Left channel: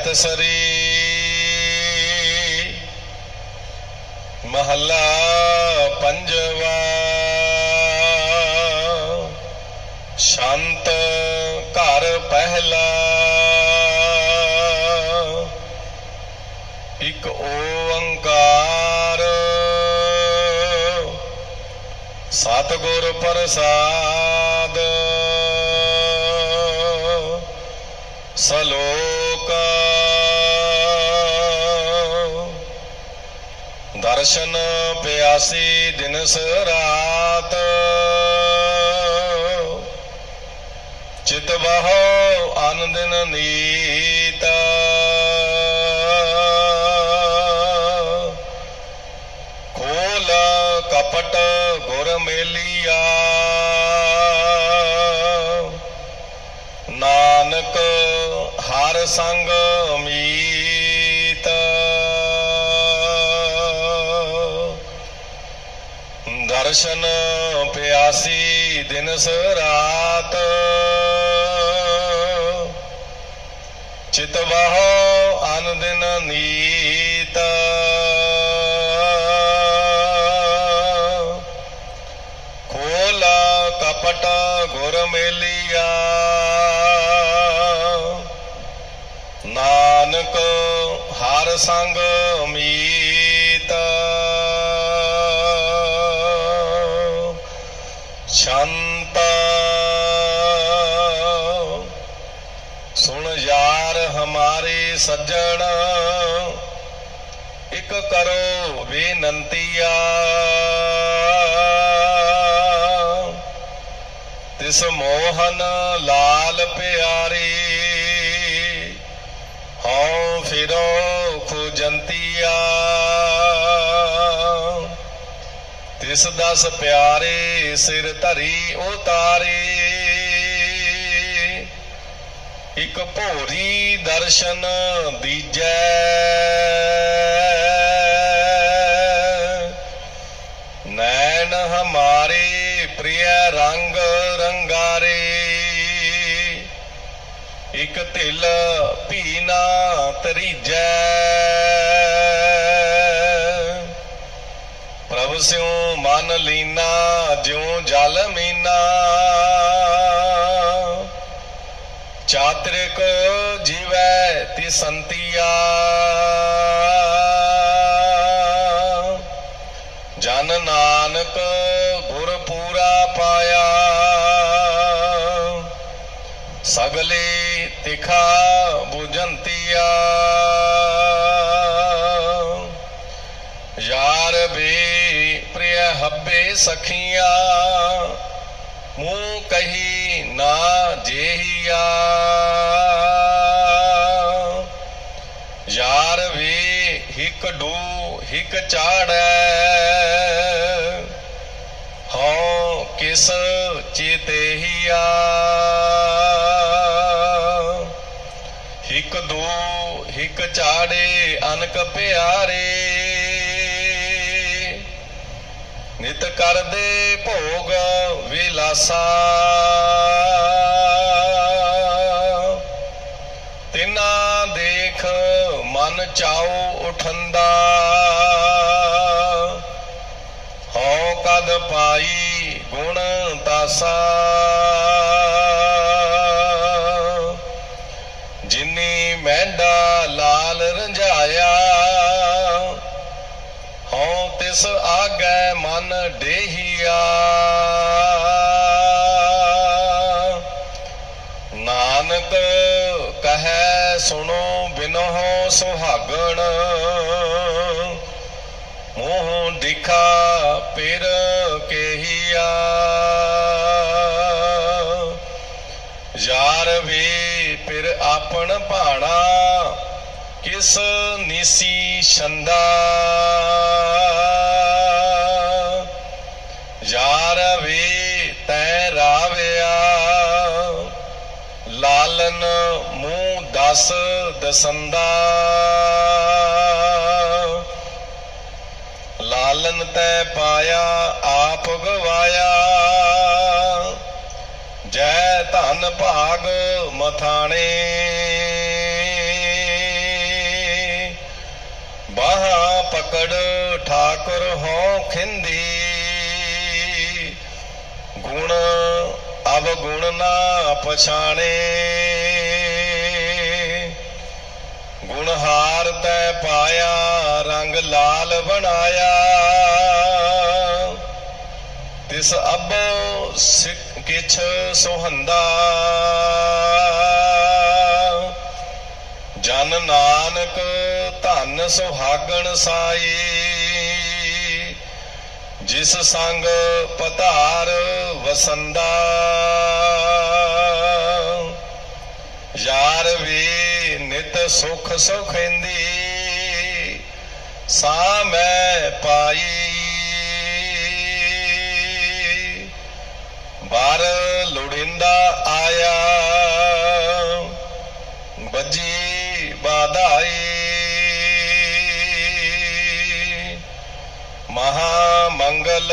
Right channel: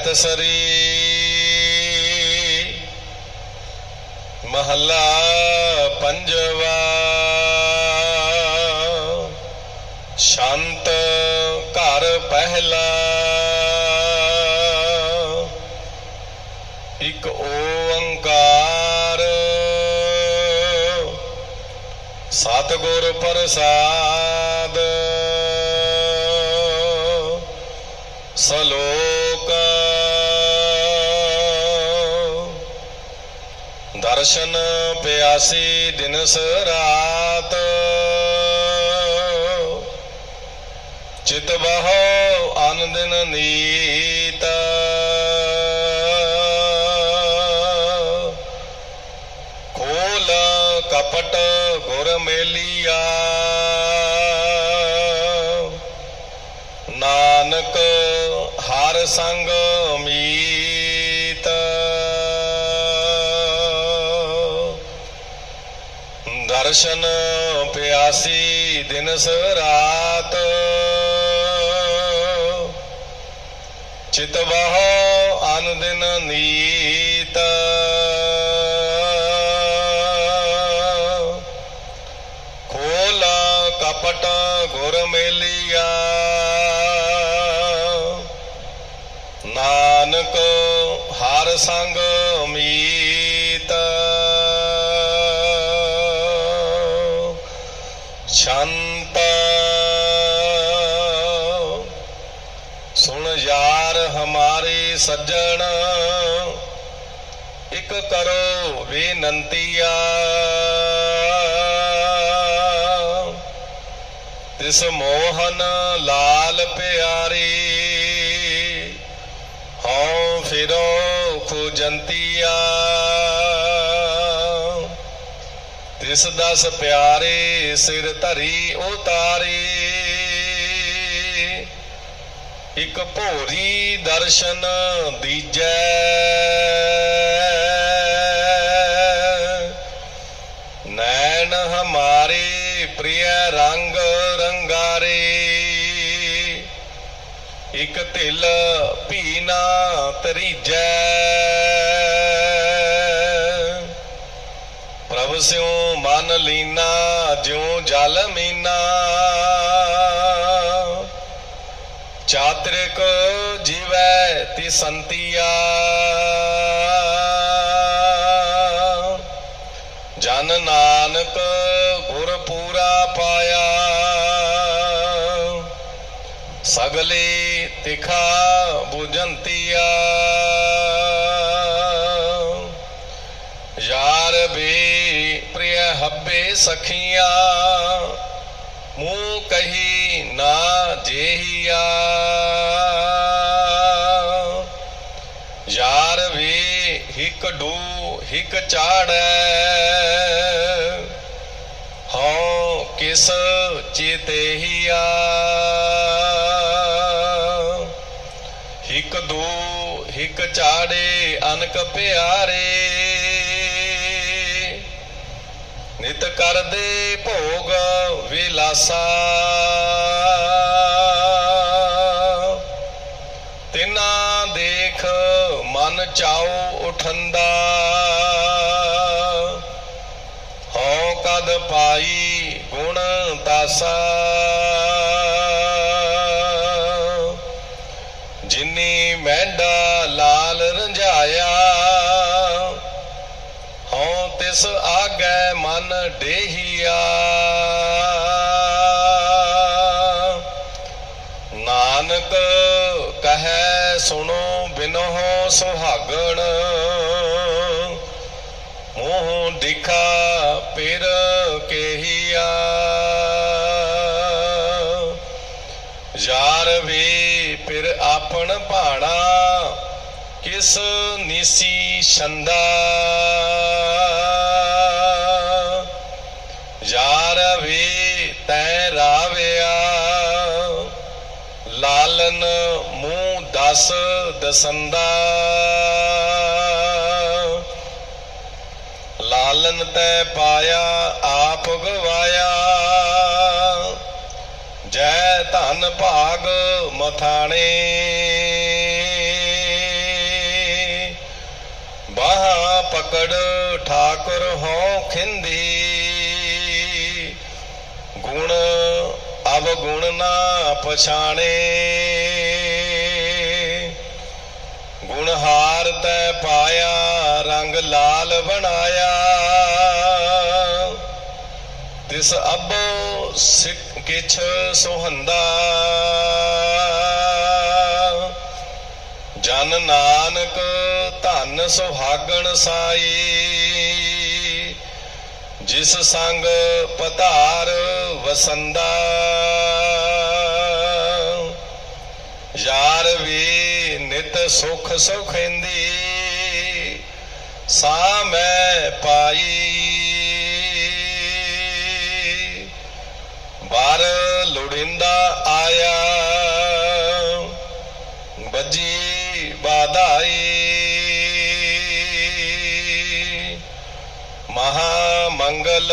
ਜੈ ਤਸਰੀ ਮਹੱਲਾ ਪੰਜਵਾ ਸ਼ਾਂਤ ਘਰ ਪਹਿਲਾ ਇੱਕ ਓੰਕਾਰ ਸਤਿਗੁਰ ਪ੍ਰਸਾਦ ਦਰਸ਼ਨ ਪਿਆਸੀ ਦਿਨਸ ਰਾਤ। ਚਿਤ ਬਹੋ ਅਨ ਦਿਨ ਨੀਤ। ਖੋਲ ਕਪਟ ਗੁਰ ਮੇਲੀਆ। ਨਾਨਕ ਹਰ ਸੰਗ ਦਰਸ਼ਨ ਪਿਆਸੀ ਦਿਨ ਸ ਰਾਤ। ਚਿਤ ਬਹੋ ਅਨ ਦਿਨ ਨੀਤ। ਖੋਲ ਕਪਟ ਗੁਰ ਮੇਲੀਆ। ਨਾਨਕ ਹਰ ਸੰਗ ਕਰੋ ਬੇਨੰਤੀਆ ਤਿਸ ਮੋਹਨ ਲਾਲ ਪਿਆਰੀ, ਹਉ ਫਿਰੋ ਖੁਜੰਤੀਆ। ਤਿਸ ਦਸ ਪਿਆਰੇ ਸਿਰ ਧਰੀ ਉਤਾਰੀ। ਇੱਕ ਭੋਰੀ ਦਰਸ਼ਨ ਦੀਜੈ। ਦਿਲ ਭੀ ਨਾ ਤਰੀਜੈ ਪ੍ਰਭ ਸਿਉ ਮਨ ਲੀਨਾ, ਜਿਉ ਜਲ ਮੀਨਾ। ਚਾਤ੍ਰਿਕ ਜੀਵੈ ਤੇ ਸੰਤੀਆ ਹਿਕ ਡੂ ਹਿਕ ਚਾੜੈ ਹਉ ਕਿਸ ਚੇਤੇਹੀਆ ਹਿਕ ਦੋ ਹਿਕ ਚਾੜੇ ਅਨਕ ਪਿਆਰੇ। ਨਿਤ ਕਰਦੇ ਭੋਗ ਵਿਲਾਸਾ। ਤਿਸ ਮਨ ਡੇਹੀਆ। ਨਾਨਕ ਕਹੈ, ਸੁਣੋ ਬਿਨਹੁ ਸੁਹਾਗਣ। ਮੋਹ ਦਿਖਾ ਪਿਰ ਕੇਹੀਆ। ਯਾਰ ਵੀ ਫਿਰ ਆਪਣ ਭਾਣਾ, ਕਿਸ ਨਿਸੀ ਛੰਦਾ। ਵੀ ਤੈ ਰਾਵਿਆ। ਲਾਲਨ ਮੂੰਹ ਦਸ ਦਸੰਦਾ। ਲਾਲਨ ਤੈ ਪਾਇਆ, ਆਪ ਗਵਾਇਆ। ਜੈ ਧਨ ਭਾਗ ਮਥਾਣੇ। ਬਾਹ ਪਕੜ ਠਾਕੁਰ ਹੋ ਖਿੰਦੀ। ਗੁਣ ਨਾ ਪਛਾਣੇ। ਗੁਣ ਹਾਰ ਤੈ ਪਾਇਆ, ਰੰਗ ਲਾਲ ਬਣਾਇਆ। ਤਿਸ ਅਬੋ ਸਿੱਖ ਕਿਛ ਸੁਹੰਦਾ। ਜਨ ਨਾਨਕ ਧਨ ਸੁਹਾਗਣ ਸਾਈ। ਜਿਸ ਸੰਗ ਪਧਾਰ ਵਸੰਦਾ, ਯਾਰ ਵੀ ਨਿਤ ਸੁਖ ਸੁਖੈਂਦੀ, ਸਾ ਮੈਂ ਪਾਈ। ਬਾਰ ਲੋੜਿੰਦਾ ਆਇਆ ਬੱਜੀ ਬਾਧਾਈ ਮਹਾ ਮੰਗਲ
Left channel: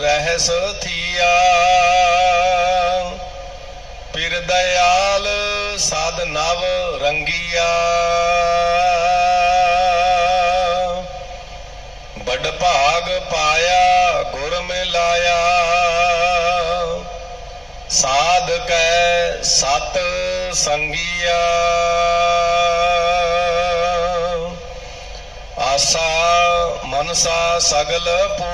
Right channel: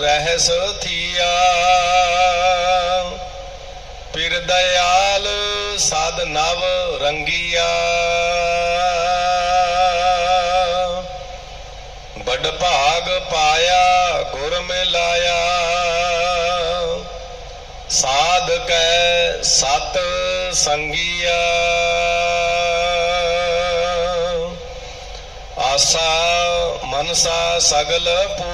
ਰਹਿਸ ਥੀਆ। ਪਿਰ ਦਇਆਲ ਸਾਧ ਨਵ ਰੰਗੀਆ। ਬੜ ਭਾਗ ਪਾਇਆ, ਗੁਰ ਮਿਲਾਇਆ। ਸਾਧ ਕੈ ਸਤ ਸੰਗੀਆ। ਆਸਾ ਮਨਸਾ ਸਗਲ ਪੂ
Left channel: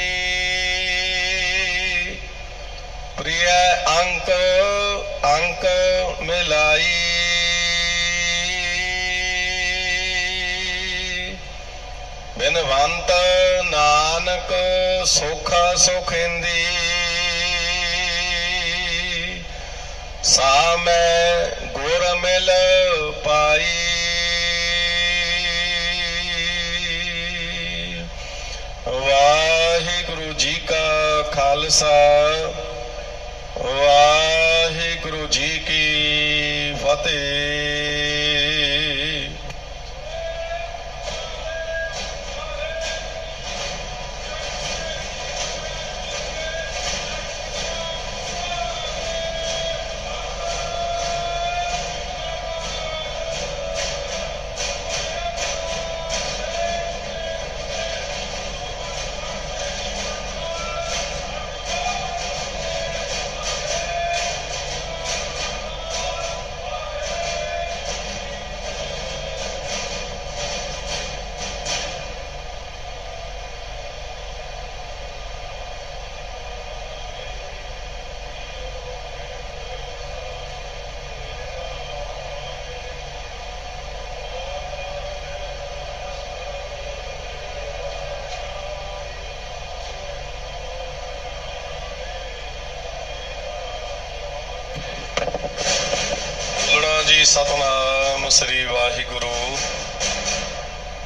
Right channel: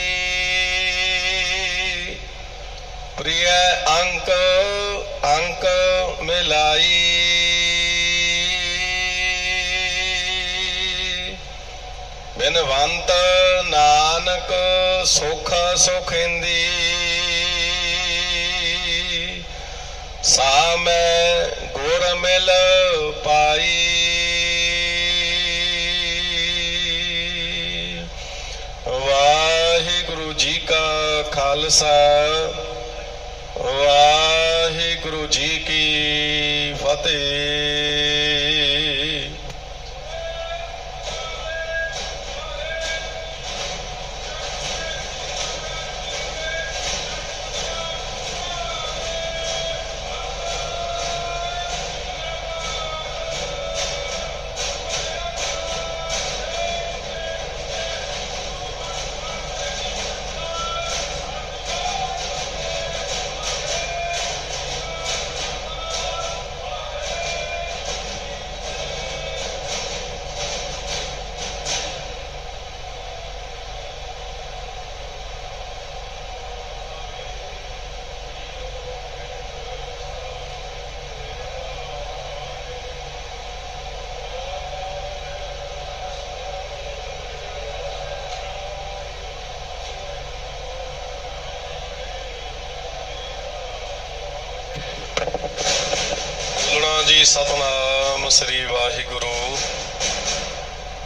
ਪ੍ਰਿਯ ਅੰਕ ਅੰਕ ਮਿਲਾਈ। ਬਿਨਵੰਤ ਨਾਨਕ ਸੁਖ ਸੁਖਿੰਦੀ। ਸਾ ਮੈਂ ਗੁਰ ਮਿਲ ਪਾਈ। ਵਾਹਿਗੁਰੂ ਜੀ ਕਾ ਖਾਲਸਾ। ਵਾਹਿਗੁਰੂ ਜੀ ਕੀ ਫਤਿਹ। ਫਤਿਹ ਸਤਨਾਮ ਸ੍ਰੀ ਵਾਹਿਗੁਰੂ।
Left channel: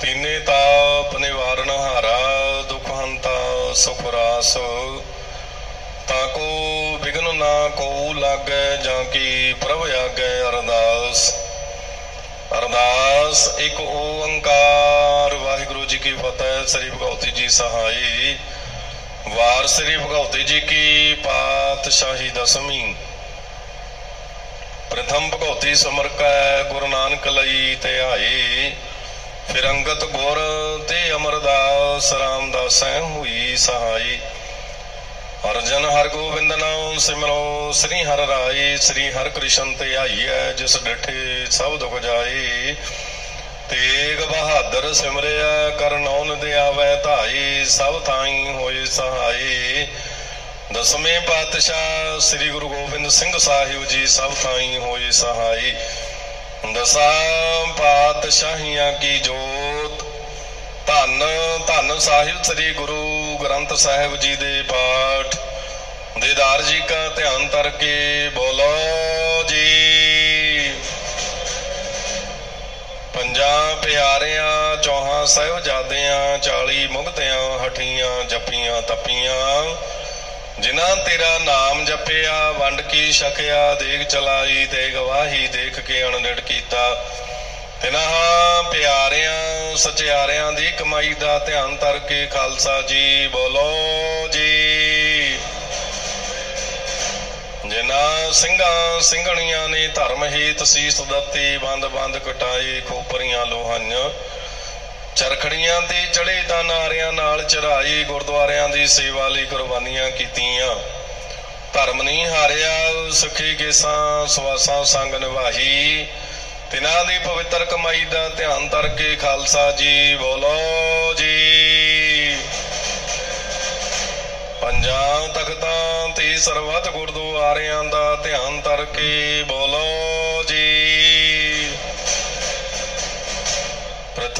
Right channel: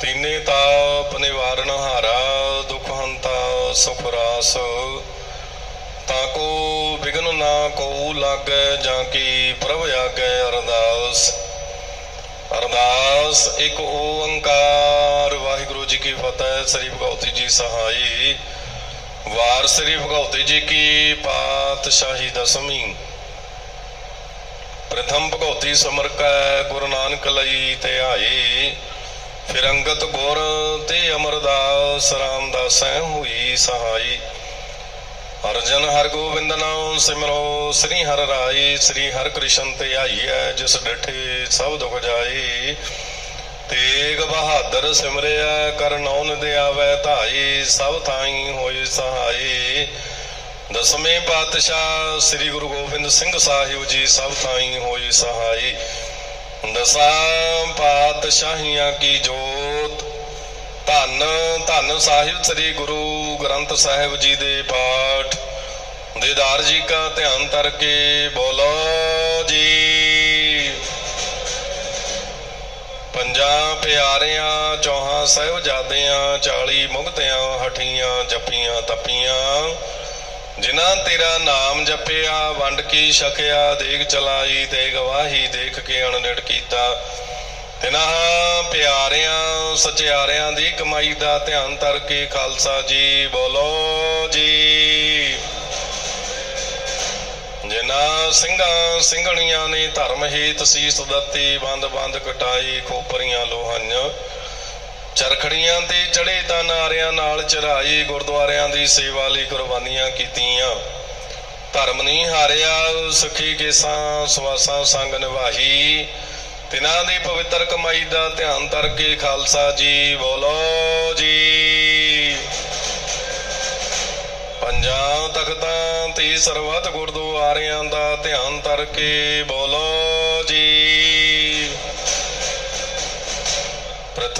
ਤੀਨੇ ਤਾਪ ਨਿਵਾਰਨ ਹਾਰਾ, ਦੁਖ ਹੰਤਾ ਸੁਖ ਰਾਸ। ਤਾਂ ਕੋ ਵਿਗਨ ਨਾ ਕੋ ਲਾਗੈ, ਜਾਂ ਕੀ ਪ੍ਰਭ ਆਗੈ ਅਰਦਾਸ। ਅਰਦਾਸ, ਇੱਕ ਓੰਕਾਰ। ਵਾਹਿਗੁਰੂ ਜੀ ਕੀ ਫਤਿਹ, ਸ੍ਰੀ ਭਗਵਤੀ ਜੀ ਸਹਾਈ। ਵਾਰ ਸ੍ਰੀ ਭਗਵਤੀ ਜੀ ਕੀ ਪਾਤਸ਼ਾਹੀ ਦਸਮੀ ਪ੍ਰਥਮ ਭਗਉਤੀ ਸਮਰ ਕੈ, ਗੁਰੂ ਨਾਨਕ ਲਈ ਧਿਆਏ ਫਿਰ ਗੁਰ ਤੇ ਅਮਰਦਾਸ ਰਾਮਦਾਸੈ ਹੋਈ ਸਹਾਈ। ਅਰਜਨ ਹਰ ਗੋਬਿੰਦ ਨਾਮ ਸਿਮਰੋ, ਸ੍ਰੀ ਹਰ ਰਾਏ, ਸ੍ਰੀ ਹਰ ਕ੍ਰਿਸ਼ਨ ਤੇ ਧਿਆਈਐ ਜਿਸ ਡਿਠੇ ਸਭ ਦੁਖ ਜਾਏ। ਤੇਗ ਬਹਾਦਰ ਸਿਮਰਿਆ ਕਰ ਨੌਨ ਦਿਆਵੈ ਧਾਈ ਸਭ ਥਾਈ ਹੋਏ ਸਹਾਈ ਦਸਵੇਂ ਪਾਤਸ਼ਾਹ ਸ੍ਰੀ ਗੁਰੂ ਗੋਬਿੰਦ ਸਿੰਘ ਸਾਹਿਬ ਜੀ ਸਭ ਥਾਈ ਹੋਏ ਸਹਾਈ। ਦਸਾਂ ਪਾਤਸ਼ਾਹੀਆਂ ਕੀ ਜੋਤ। ਧੰਨ ਧੰਨ ਸਾਹਿਬ ਸ੍ਰੀ ਗੁਰੂ ਗ੍ਰੰਥ ਸਾਹਿਬ ਜੀ ਦੇ ਪਾਠ। ਦੇਦਾਰ ਜੀ ਕਾ ਧਿਆਨ ਧਰ ਕੇ ਬੋਲੋ ਜੀ। ਪੰਜਾਂ ਪਿਆਰਿਆਂ, ਚੌਹਾਂ ਸਹਿਬਜ਼ਾਦਿਆਂ 40 ਮੁਕਤਿਆਂ ਹਠੀਆਂ, ਜੱਫੀਆਂ, ਤਪੀਆਂ। ਜਿਨ੍ਹਾਂ ਤੇਰਾ ਨਾਮ ਜਪਿਆ, ਵੰਡ ਕੀ ਛਕਿਆ, ਦੇਖ ਚਲਾਈ ਤੇ ਗਵਾਹੀ ਦੇਖ ਕੇ ਅਣਡਿੜ ਕੀਤਾ। ਤਿਨਾਂ ਪਿਆਰਿਆਂ, ਸਚਿਆਰਿਆਂ ਦੀ ਕਮਾਈ ਦਾ ਧਿਆਨ ਧਰ ਕੇ ਖਾਲਸਾ ਜੀ, ਬੋਲੋ ਜੀ। ਜਿਨ੍ਹਾਂ ਸਿੰਘਾਂ, ਸਿੰਘਣੀਆਂ ਨੇ ਧਰਮ ਹੀਤ ਸੀਸ ਦਿੱਤੀ ਬੰਦ ਬੰਦ ਕਟਾਈ ਖੋਪਰੀਆਂ ਲੋਹਾਈਆਂ ਚਰਖੜੀਆਂ ਤੇ ਚੜੇ ਤਾਂ ਨਾਰਿਆਂ ਨਾਲ ਚੜਾਈ ਗੁਰਦੁਆਰਿਆਂ ਦੀ ਸੇਵਾ ਲਈ ਕੁਰਬਾਨੀਆਂ ਕੀਤੀਆਂ। ਧਰਮ ਨਹੀਂ ਹਾਰਿਆ, ਸੁਖੀ ਕੇਸਾਂ, ਸਵਾਸਾਂ ਸੰਗ ਨਿਭਾਹੀ ਤਿਨਾਂ ਦੀ ਪਵਿੱਤਰ ਕਮਾਈ ਦਾ ਧਿਆਨ ਧਰ ਕੇ ਖਾਲਸਾ ਜੀ, ਬੋਲੋ ਜੀ। ਪੰਜਾਂ ਤਖਤਾਂ ਤੇ ਸਰਬੱਤ ਗੁਰਦੁਆਰਿਆਂ ਦਾ ਧਿਆਨ ਧਰ ਕੇ ਬੋਲੋ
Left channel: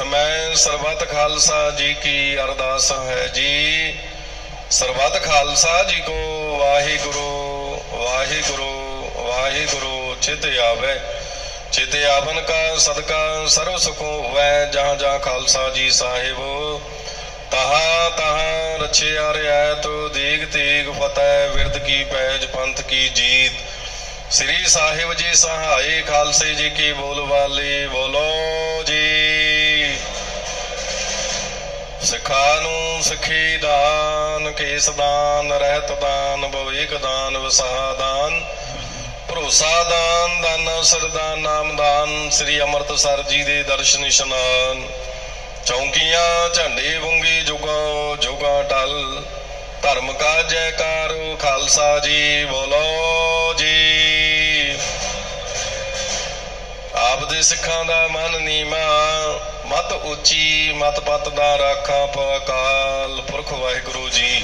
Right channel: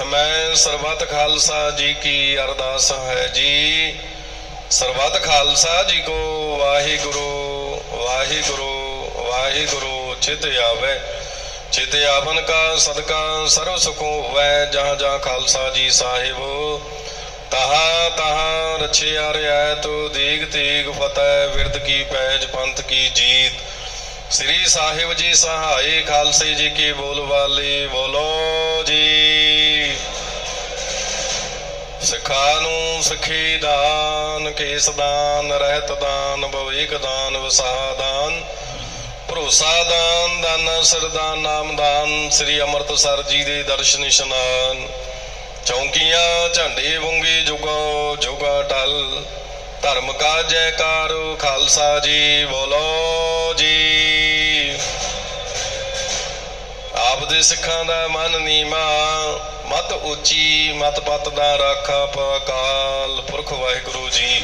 ਮੈਂ ਸਰਬੱਤ ਖਾਲਸਾ ਜੀ ਕੀ ਅਰਦਾਸ ਹੈ ਜੀ। ਸਰਬੱਤ ਖਾਲਸਾ ਜੀ ਕੋ ਵਾਹਿਗੁਰੂ ਵਾਹਿਗੁਰੂ ਵਾਹਿਗੁਰੂ, ਚਿਤ ਆਵੇ। ਚਿਤ ਆਵਨ ਕਾ ਸਦਕਾ ਸਰਵ ਸੁਖੋ ਹੋਵੇ ਜਾਂ ਜਾਂ ਖਾਲਸਾ ਜੀ ਸਾਹਿਬ। ਤਹਾ ਤਹਾ ਰਛਿਆ ਰਿਆਇਤ, ਦੀਗ ਤੀਗ ਫਤਿਹ ਵਿਰਦ ਕੀ ਪੈਜ, ਪੰਥ ਕੀ ਜੀਤ। ਸ੍ਰੀ ਸਾਹਿਬ ਜੀ ਸਹਾਈ, ਖਾਲਸੇ ਜੀ ਕੀ ਬੋਲ ਵਾਲੇ ਬੋਲੋ ਜੀ। ਸਿਖਾ ਨੂੰ ਸਿੱਖੀ ਦਾਨ, ਕੇਸ ਦਾਨ, ਰਹਿਤ ਦਾਨ ਭਵਿਕ ਦਾਨ, ਵਿਸਾਹ ਦਾਨ, ਭਰੋਸਾ ਦਾਨ ਦਾਨ ਸਰਦਾਨ ਨਾਮਦਾਨ ਸ੍ਰੀ ਅੰਮ੍ਰਿਤਸਰ ਜੀ ਦੇ ਦਰਸ਼ਨ ਇਸ਼ਨਾਨ, ਚੌਂਕੀਆਂ ਝੰਡੇ ਵੰਗੀ ਜੁਗੋ, ਜੁਗਾ ਟਲ, ਧਰਮ ਕਾ ਜੈਕਾਰ ਖਾਲਸਾ ਜੀ ਬੋਲੋ ਜੀ। ਆਪ ਦੇ ਸਿੱਖਾਂ ਦਾ ਮਨ ਨੀਮਾ, ਮਤ ਉੱਚੀ, ਮਤ ਪਤ ਦਾ ਰਾਖਾ ਅਕਾਲ ਪੁਰਖ ਵਾਹਿਗੁਰੂ ਜੀ।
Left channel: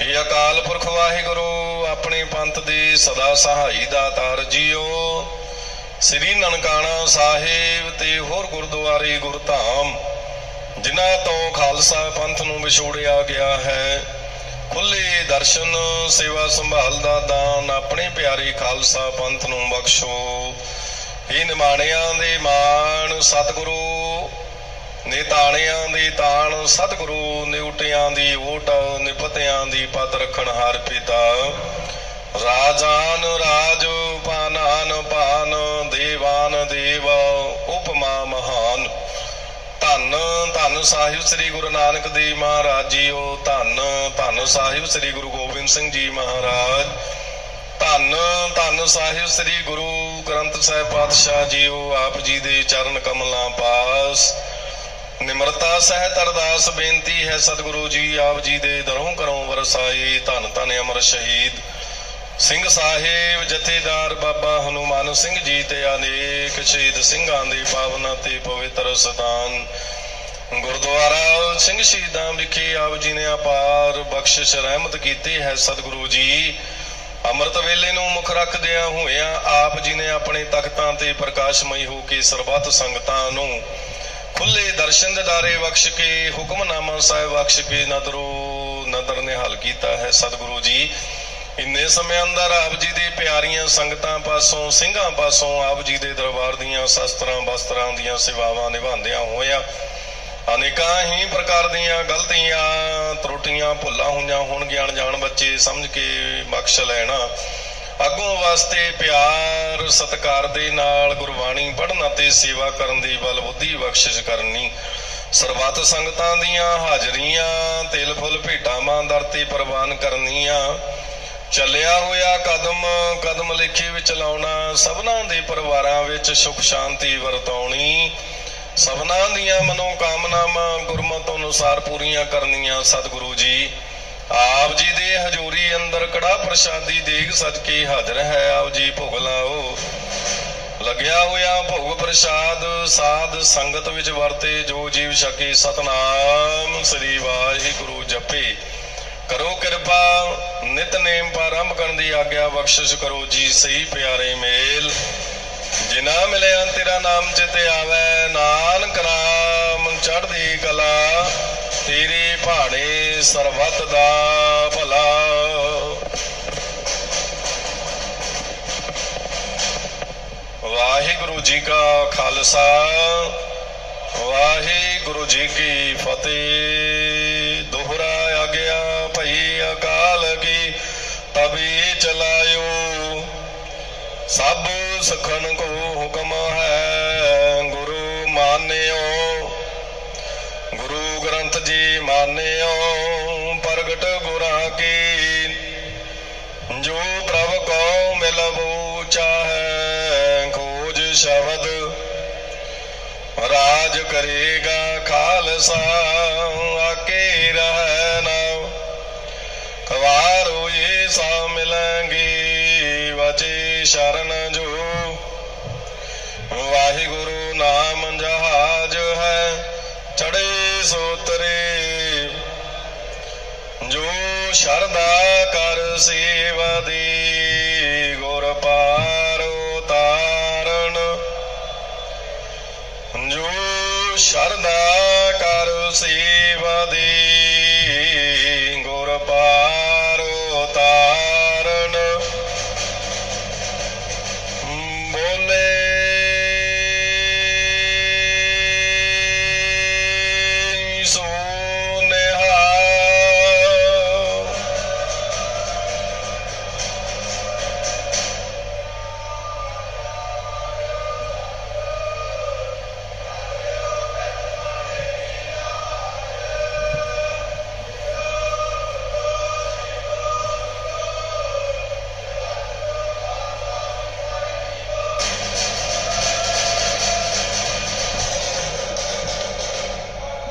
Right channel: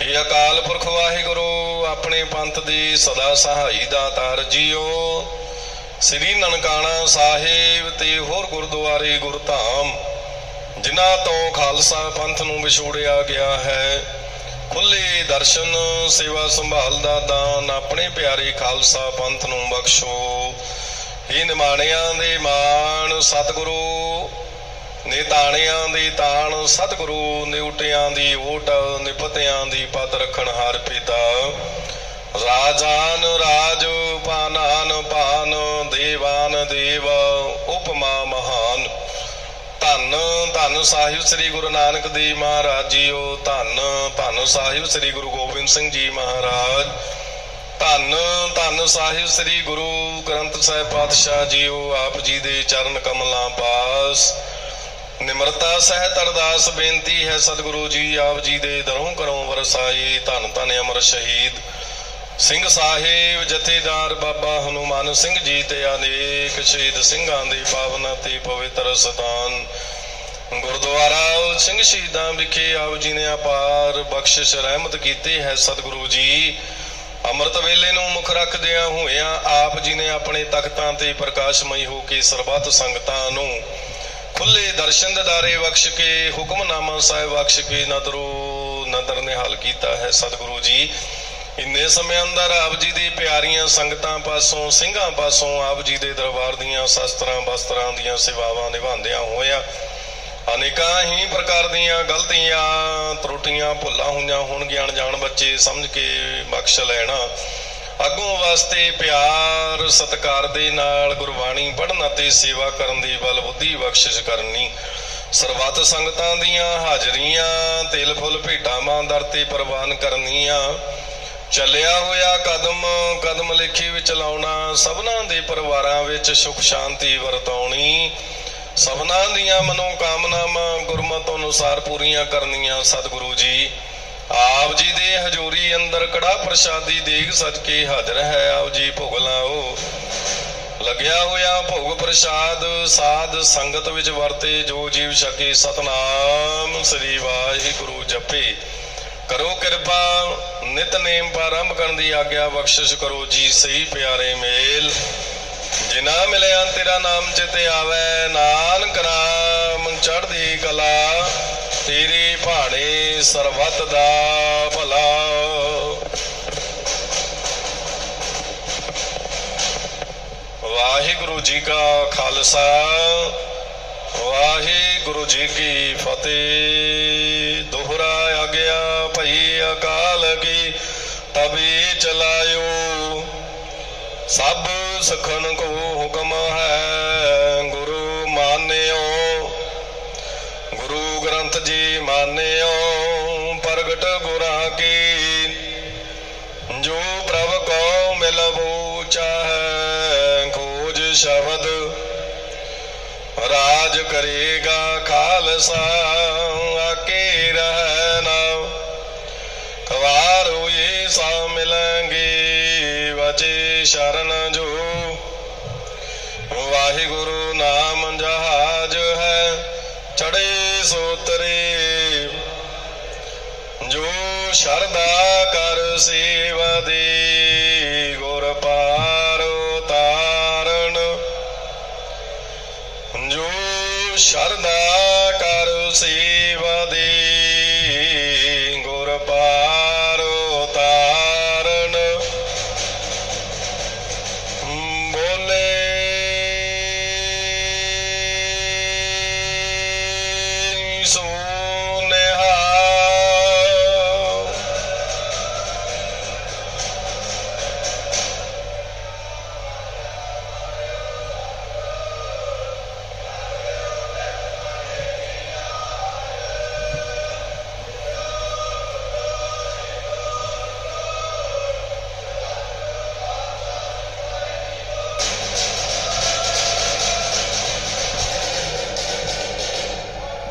ਇਹ ਅਕਾਲ ਪੁਰਖ ਵਾਹਿਗੁਰੂ, ਆਪਣੇ ਪੰਥ ਦੇ ਸਦਾ ਸਹਾਈ ਦਾ ਤਾਰ ਜੀਓ। ਸ੍ਰੀ ਨਨਕਾਣਾ ਸਾਹਿਬ ਤੇ ਹੋਰ ਗੁਰਦੁਆਰੇ ਗੁਰਧਾਮ, ਜਿਨ੍ਹਾਂ ਤੋਂ ਖਾਲਸਾ ਪੰਥ ਨੂੰ ਵਿਛੋੜਿਆ ਗਿਆ ਹੈ, ਖੁੱਲੇ ਦਰਸ਼ਨ, ਸੇਵਾ ਸੰਭਾਲ ਦਾ ਦਾਨ ਆਪਣੇ ਪਿਆਰੇ ਖਾਲਸਾ ਪੰਥ ਨੂੰ ਬਖਸ਼ੋ। ਇਹ ਨਿਮਾਣਿਆਂ ਦੇ ਮਾਣ ਸਤਿਗੁਰੂ ਨੇਤਾਣਿਆਂ ਦੀ ਤਾਣ ਸਤਿਗੁਰੂ ਨਿਉਟਿਆਂ ਦੀ ਓਟ ਨਿਪਤਿਆਂ ਦੀ ਪਤ ਰੱਖਣ ਹਰ ਪਿਤਾ। ਰਾਜਾਨ ਰਾਜ ਪਾਨਾਨ ਪਾਨ ਦੇਵਾਨ ਦੇਵ, ਉਪਮਾ ਮਹਾਨ। ਧੰਨ ਧੰਨ ਸਾਹਿਬ ਸ੍ਰੀ ਗੁਰੂ ਨਾਨਕ ਦੇਵ ਮਹਾਰਾਜ ਜੀਓ, ਧੰਨ ਧੰਨ ਸਾਹਿਬ ਸ੍ਰੀ ਗੁਰੂ ਗੋਬਿੰਦ ਸਿੰਘ ਜੀ ਮਹਾਰਾਜ। ਧੰਨ ਧੰਨ ਸਾਹਿਬ ਸ੍ਰੀ ਗੁਰੂ ਗ੍ਰੰਥ ਸਾਹਿਬ ਪਾਤਸ਼ਾਹ ਜੀਓ, ਆਪ ਜੀ ਦੇ ਚਰਨ ਕਮਲਾਂ ਪਾਸ। ਨਿਮਰਤਾ ਸਹਿਤ ਅਰਦਾਸ ਬੇਨਤੀ ਹੈ ਸਤਿਗੁਰੂ ਜੀ, ਆਪ ਜੀ ਦੇ ਦਰੋਂ ਕਰੋਂ ਵਰਸਾਈ ਧੰਨ ਧੰਨ ਅਮਰ ਸ਼ਹੀਦ। ਸਿੰਘ ਸਾਹਿਬ, ਜਥੇਦਾਰ ਬਾਬਾ ਹਨੂਮਾਨ ਸਿੰਘ ਜੀ ਤੇ ਅਨੇਕ ਸ਼ਹੀਦ ਸਿੰਘਾਂ ਦੇ ਪਾਵਨਾਂ ਤੇ ਪਵਿੱਤਰ ਸਤਾਨ ਗੁਰਦੁਆਰਾ ਸਿੰਘ ਸ਼ਹੀਦਾਂ ਵਿਖੇ ਆਪ ਜੀ ਨੇ ਅਪਾਰ ਬਖਸ਼ਿਸ਼ ਰਹਿਮਤ ਕੀਤੀ ਹੈ ਸਤਿਗੁਰੂ ਜੀ। ਅੰਮ੍ਰਿਤ ਵੇਲੇ ਨੂੰ ਮੁੱਖ ਰੱਖਦਿਆਂ ਹੋਇਆਂ ਆਪ ਜੀ ਨੇ ਆਪਣੇ ਤਖਤਾਂ ਤੇ ਪ੍ਰਕਾਸ਼ਮਈ ਹੋ ਕੇ ਸਰਬੱਤ ਸੰਗਤਾਂ ਨੂੰ ਖੁੱਲੇ ਦਰਸ਼ਨ ਦਿਦਾਰੇ ਬਖਸ਼ ਕੇ, ਹੁਕਮਨਾਮਾ ਸਾਹਿਬ ਬਖਸ਼ ਕੇ ਨਦਰੋ ਨਦਰ ਨਿਹਾਲ ਕੀਤਾ ਹੈ ਸਤਿਗੁਰੂ ਜੀ। ਇੰਨੇ ਸਮੇਂ ਅੰਦਰ ਆਪ ਜੀ ਦੇ ਪਿਆਰੀਆਂ ਸੰਗਤਾਂ ਪਾਸੋਂ, ਸਿੰਘਾਂ ਪਾਸੋਂ ਆਪ ਜੀ ਦੇ ਦਰਬਾਰ ਦੀਆਂ ਸ਼ਸਤਰਾਂ ਬਸਤਰਾਂ ਦੀਆਂ ਸੇਵਾਵਾਂ ਨਿਭਾਉਂਦਿਆਂ ਹੋਇਆਂ ਅਨੇਕਾਂ ਹੀ ਪ੍ਰਕਾਰ ਦੀਆਂ ਗਲਤੀਆਂ, ਤਰੁੱਟੀਆਂ, ਭੁੱਲਾਂ ਹੋਈਆਂ ਹੋਣਗੀਆਂ, ਅਣਜਾਣ ਬੱਚੇ ਸਮਝ ਕੇ ਬਖਸ਼ ਲੈਣਾ। ਅੱਗੋਂ ਵਾਸਤੇ ਪਿਆਰ, ਸਤਿਕਾਰ ਦੇ ਨਾਲ ਗੁਰਬਾਣੀ ਪੜ੍ਹਨ ਅਤੇ ਸੇਵਾ ਕਰਨ ਦੀ ਬਲ ਬੁੱਧੀ ਬਖਸ਼ਿਸ਼ ਕਰਨੀ। ਸਰਬੱਤ ਸੰਗਤਾਂ ਦੀਆਂ ਹਾਜ਼ਰੀਆਂ, ਤਿਲ ਫੁੱਲ ਭੇਟਾਂ ਮਾਂ ਦਰ ਤੇ ਪ੍ਰਵਾਨ ਕਰਨੀਆਂ। ਚੱਲਿਆ ਹੋਇਆ ਕਦਮ ਕਦਮ ਲੇਖੇ ਵਿੱਚ ਲਾਉਣਾ, ਸਭਨਾਂ ਦੇ ਪਰਿਵਾਰਾਂ ਵਿੱਚ ਸੁਖ ਸ਼ਾਂਤੀ ਵਰਤਾਉਣੀ। ਸਭਨਾਂ ਦੀਆਂ ਮਨੋ ਕਾਮਨਾਵਾਂ ਗੁਰਮਤਿ ਅਨੁਸਾਰ ਪੂਰੀਆਂ ਕਰਨੀਆਂ ਸਤਿਗੁਰੂ ਜੀ। ਆਪ ਜੀ ਦੇ ਹਜ਼ੂਰੀ ਅੰਦਰ ਕੜਾ ਪ੍ਰਸ਼ਾਦੀ ਦੇਗ ਸੱਜ ਹਾਜ਼ਰ ਹੈ। ਆਪ ਜੀ ਭੋਗ ਲਾਓ। ਲੱਗਿਆ ਹੋਇਆ ਭੋਗ ਪ੍ਰਸ਼ਾਦ ਸਾਧ ਸੰਗਤ ਵਿੱਚ ਵਰਤੇ, ਜੋ ਜੀਵ ਛਕੇ ਸਤਨਾਮ ਸ੍ਰੀ ਵਾਹਿਗੁਰੂ ਜਪੇ। ਕਰੋ ਕਿਰਪਾ ਨਿਤਨੇਮ ਪ੍ਰਾਰੰਭ ਕਰਨ ਦੀ ਆਗਿਆ ਬਖਸ਼ਿਸ਼ ਕਰੋ ਜੀ। ਸਹੀ ਪਿਆਰੇ ਮੇਲ। ਜਿਨਾ ਮਿਲਿਆ ਤੇਰਾ ਨਾਮ ਚਿਤੇ ਆਵੇ, ਨਾਨਕ ਨਾਮ ਚੜ੍ਹਦੀ ਕਲਾ, ਤੇਰੀ ਭਾਣੇ ਸਰਬਤ ਦਾ ਭਲਾ। ਵਾਹਿਗੁਰੂ ਜੀ ਕਾ ਖਾਲਸਾ, ਵਾਹਿਗੁਰੂ ਜੀ ਕੀ ਫਤਿਹ। ਦੋਹਰਾ ਆ ਗਿਆ ਭਈ ਅਕਾਲ ਕੀ ਤਬੀ ਚਲਾਇਓ। ਸਭ ਸਖਨ ਸ਼ਬਦ ਰਾਜ ਕਰੇਗਾ ਖਾਲਸਾ।